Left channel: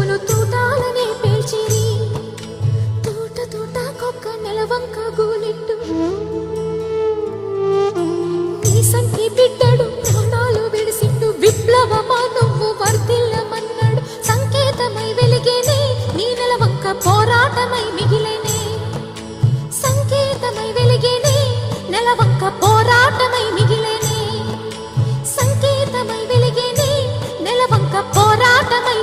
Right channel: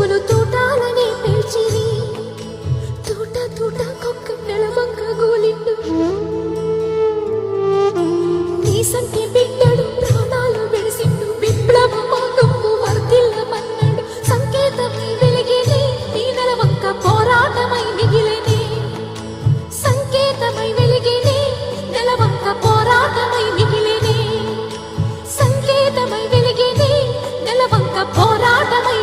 చూపులు తూటాలని పేల్చిరి తూట తూట కొక్క నెలవంక గోలిండు నీ సంటి బిడ్డడు ప్రాణాలు విడిసిండు విప్లవమా నువ్వు వర్ధిల్లమన్నాడు సంకేతమై వెలిగేనే ఈ నెలవంక పోరాటమై మిగిలేనే సంకేతమై వెలిగేనే నెలవంక పోరాటమై మిగిలేనే సంకేతమై వెలిగేనే నెలవంక పోరాటమై